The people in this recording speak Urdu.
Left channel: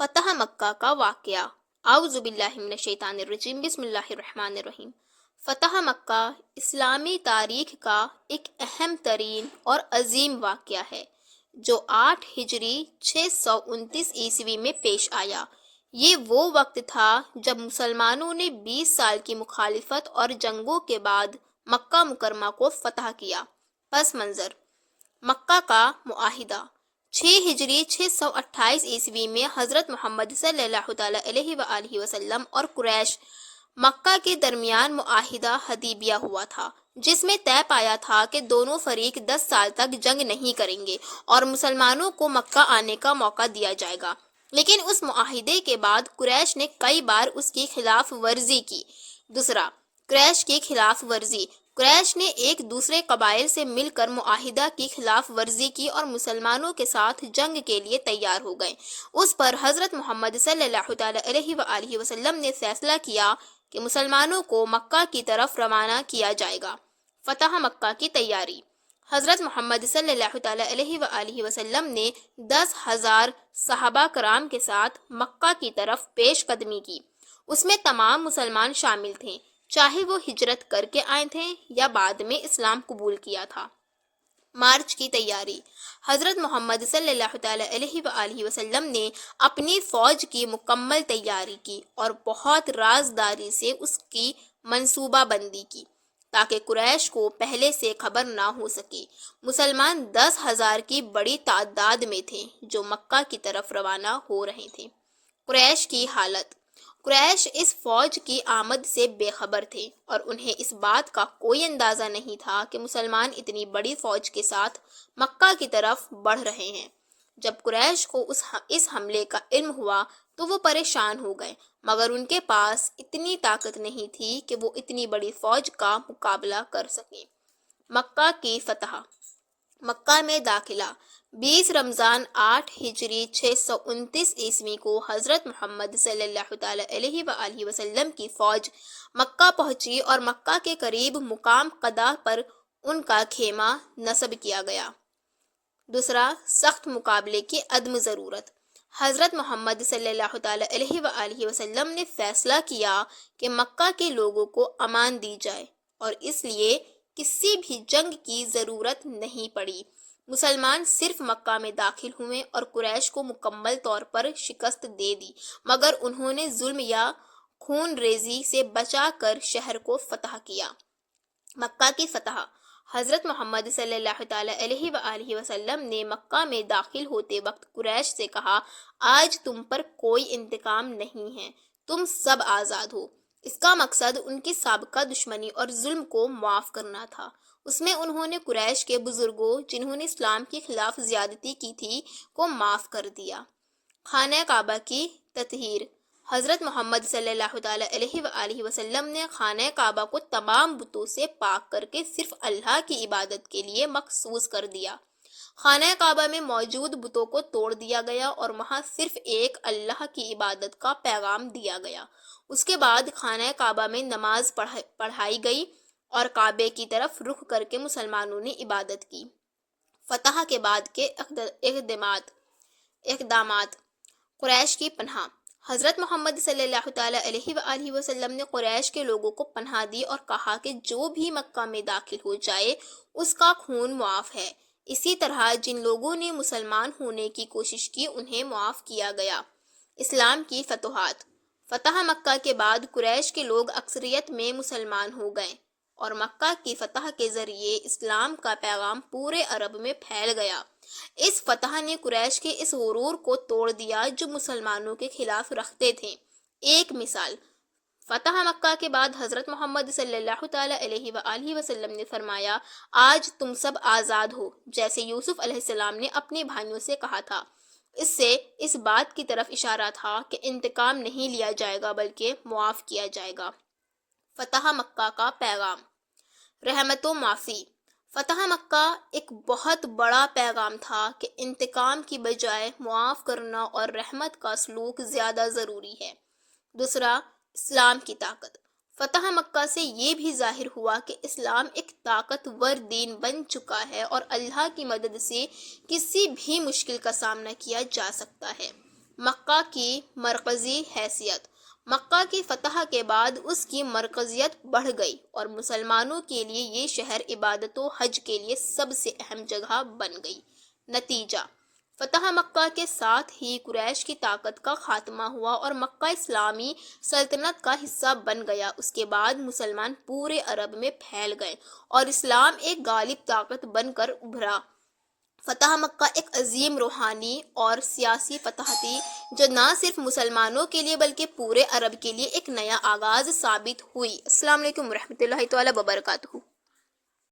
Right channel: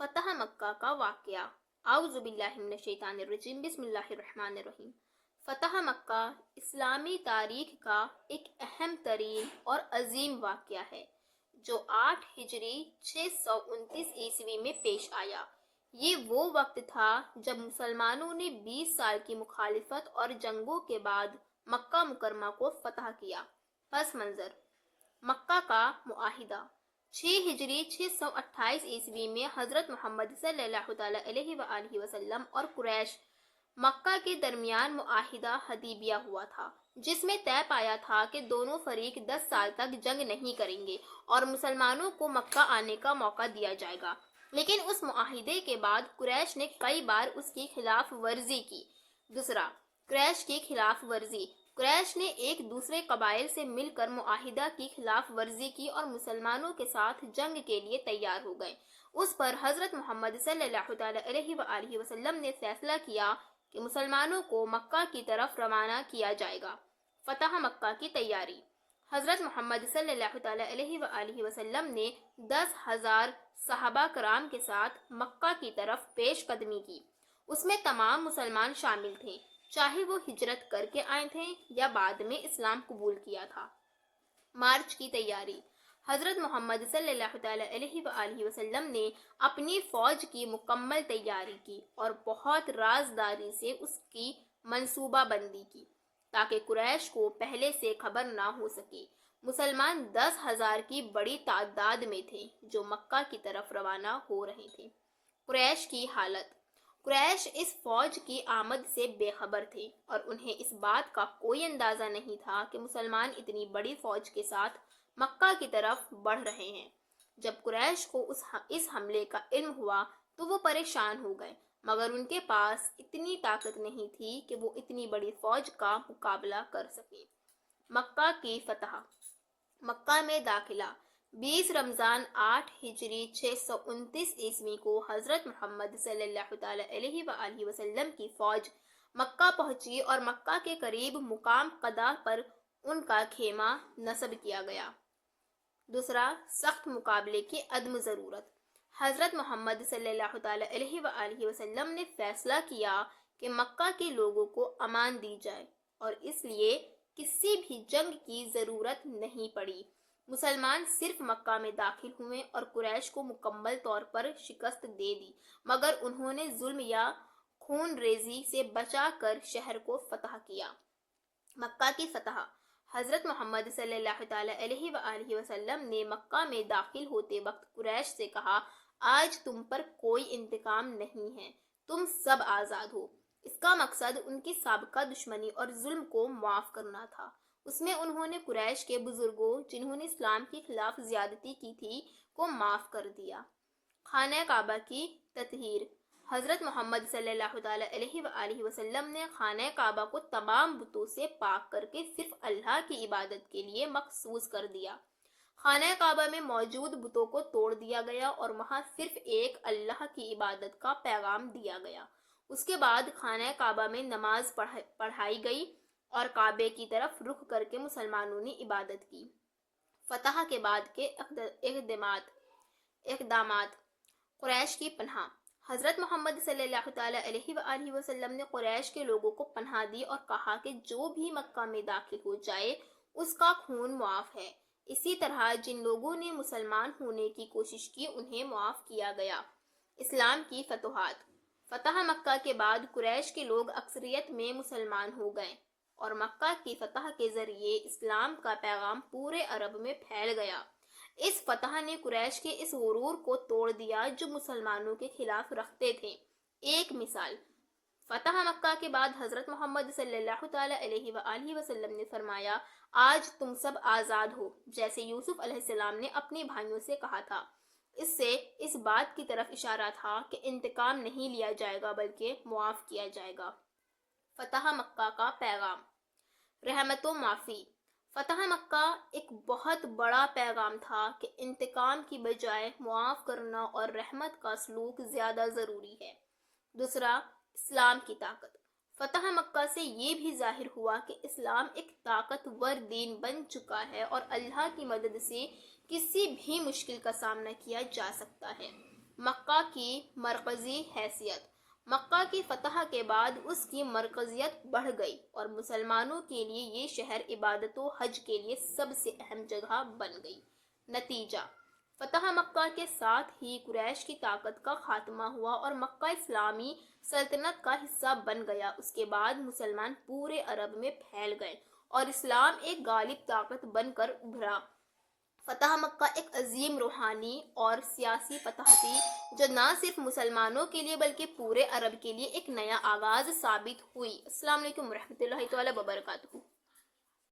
فتح مکہ کا واقعہ۔ اعوذ باللہ من الشیطان الرجیم، بسم اللہ الرحمن الرحیم۔ فتح مکہ اسلامی تاریخ کا ایک اہم ترین اور عظیم واقعہ ہے جو 8 ہجری 629 عیسوی میں پیش آیا۔ یہ وہ وقت تھا جب مسلمانوں نے 20 سال کی مخالفت اور جنگوں کے بعد مکہ مکرمہ کو فتح کیا۔ پس منظر: مکہ کا معاہدہ 6 ہجری 628 عیسوی میں حضرت محمد صلی اللہ علیہ وآلہ وسلم اور قریش مکہ کے درمیان معاہدہ حدیبیہ ہوا تھا، جس میں طے پایا تھا کہ دونوں فریق 10 سال تک جنگ نہیں کریں گے اور مسلمانوں کو مکہ آنے کا موقع دیا جائے گا۔ لیکن اس معاہدے کے بعد قریش نے کئی بار اس کی خلاف ورزی کی۔ دوسرا، قریش کی خلاف ورزی۔ قریش نے ایک دوسرے قبائل سے مل کر معاہدہ کی خلاف ورزی کی اور مسلمانوں کے ساتھ جنگ کے لیے تیار ہو گئے۔ اس پر حضرت محمد صلی اللہ علیہ وآلہ وسلم نے فیصلہ کیا کہ مسلمانوں کو مکہ کی طرف روانہ کیا جائے گا۔ فتح مکہ کی تیاری۔ حضرت محمد صلی اللہ علیہ وآلہ وسلم نے 10,000 صحابہ کرام کے ساتھ مکہ کی طرف پیش قدمی کی۔ اس میں تمام مسلمان شامل تھے، چاہے وہ ہجرت کر کے آئے تھے یا بعد میں اسلام قبول کیا تھا۔ مارچ کی تیاری۔ حضرت محمد صلی اللہ علیہ وآلہ وسلم نے اپنی فوج کی مکمل تیاری کی اور بہت رازداری سے اس کی منصوبہ بندی کی تاکہ قریش کو پہلے سے خبر نہ ہو سکے۔ مسلمان 10,000 کی بڑی تعداد میں تھے جو مکہ کی طرف روانہ ہو رہے تھے۔ قریش کی حالت۔ قریش اس فوج کی آمد سے بے خبر تھے اور انہیں اس بات کا کوئی اندازہ نہیں تھا کہ مسلمان اتنی بڑی فوج کے ساتھ مکہ کی طرف بڑھ رہے ہیں۔ جب قریش کو اس حملے کا علم ہوا تو وہ پریشان ہو گئے، مگر ان کے پاس اتنی طاقت نہیں تھی کہ وہ اتنی بڑی فوج کا مقابلہ کر سکیں۔ مکہ کی فتح۔ مکہ میں داخلہ۔ 20 رمضان 8 ہجری 629 عیسوی کو حضرت محمد صلی اللہ علیہ وآلہ وسلم کی فوج مکہ پہنچی اور مکہ کے قریب مقام قدا پر ان کا خیمہ نصب کیا گیا۔ دوسرا، سخت مقابلے کی عدم ضرورت۔ حضرت محمد صلی اللہ علیہ وآلہ وسلم نے فیصلہ کیا کہ مکہ کے لوگوں کو امان دی جائے اور اس لیے کسی بھی جنگ کی ضرورت نہیں پڑی۔ مسلمان صرف مکہ میں داخل ہوئے اور قریش کو مکمل طور پر شکست دے دی، مگر انہوں نے ظلم یا خون ریزی سے بچا کر شہر کو فتح کیا۔ مکہ کی فتح۔ حضرت محمد صلی اللہ علیہ وآلہ وسلم نے مکہ میں داخل ہوتے وقت قریش سے کہا، آج تم پر کوئی انتقام نہیں ہے، تم سب آزاد ہو۔ اس کا مقصد ان کی سابقہ دشمنی اور ظلم کو معاف کرنا تھا۔ اس میں انہوں نے قریش کے بزرگوں جنہوں نے اسلام کے خلاف زیادتی کی تھی کو معاف کر دیا۔ خانہ کعبہ کی تطہیر۔ حضرت محمد صلی اللہ علیہ وآلہ وسلم نے خانہ کعبہ کو تمام بتوں سے پاک کر کے صرف اللہ کی عبادت کے لیے مخصوص کر دیا۔ خانہ کعبہ میں موجود بتوں کو توڑ دیا گیا اور وہاں صرف ایک اللہ کی عبادت کا پیغام دیا گیا۔ اس کے بعد خانہ کعبہ میں نماز پڑھائی گئی اور کعبے کی طرف رخ کر کے مسلمانوں نے عبادت کی۔ فتح کے بعد کے اقدامات۔ قریش کی پناہ۔ حضرت محمد صلی اللہ علیہ وآلہ وسلم نے قریش کے لوگوں کو پناہ دی اور کہا کہ جو بھی مکہ میں داخل ہو جائے اس کا خون معاف ہے۔ اسی طرح جن لوگوں نے مسلمان ہونے کی کوشش کی انہیں معاف کیا گیا۔ اسلام کی فتوحات۔ فتح مکہ کے بعد قریش کے لوگ اکثریت میں مسلمان ہو گئے اور مکہ کی فتح کے ذریعے اسلام کا پیغام پورے عرب میں پھیل گیا۔ اس فتح نے قریش کے اس غرور کو توڑ دیا جو مسلمانوں کے خلاف رکھتے تھے۔ ایک مثال، فتح مکہ کے بعد حضرت محمد صلی اللہ علیہ وآلہ وسلم نے فرمایا، آج تم سب آزاد ہو، جیسے یوسف علیہ السلام نے اپنے بھائیوں سے کہا تھا۔ اس سے اس بات کی طرف اشارہ تھا کہ انتقام نہیں لیا جائے گا بلکہ معاف کیا جائے گا۔ فتح مکہ کا پیغام۔ رحمت و معافی۔ فتح مکہ ایک بہت بڑا پیغام تھا کہ انتقام کی بجائے معاف کرنا اور رحمت کا سلوک زیادہ ضروری ہے۔ دوسرا، اسلام کی طاقت۔ فتح مکہ سے یہ بھی ظاہر ہوا کہ اسلام ایک طاقتور دین بن چکا ہے اور اللہ کی مدد سے کسی بھی مشکل کا سامنا کیا جا سکتا ہے۔ مکہ کی مرکزی حیثیت۔ مکہ کی فتح کے بعد اس کی مرکزیت بڑھ گئی اور مسلمانوں کے لیے یہ شہر عبادت و حج کے لیے سب سے اہم جگہ بن گئی۔ نتیجہ: فتح مکہ کے ساتھ ہی قریش کی طاقت کا خاتمہ ہوا اور مکہ اسلامی سلطنت کا حصہ بن گیا۔ اس کے بعد مسلمان پورے عرب میں پھیل گئے اور اسلام ایک غالب طاقت بن کر ابھرا۔ فتح مکہ ایک عظیم روحانی اور سیاسی فتح تھی جو نہ صرف مسلمانوں کے لیے بلکہ پورے عرب کے لیے ایک نیا آغاز ثابت ہوئی۔ السلام علیکم ورحمۃ اللہ تعالیٰ وبرکاتہ۔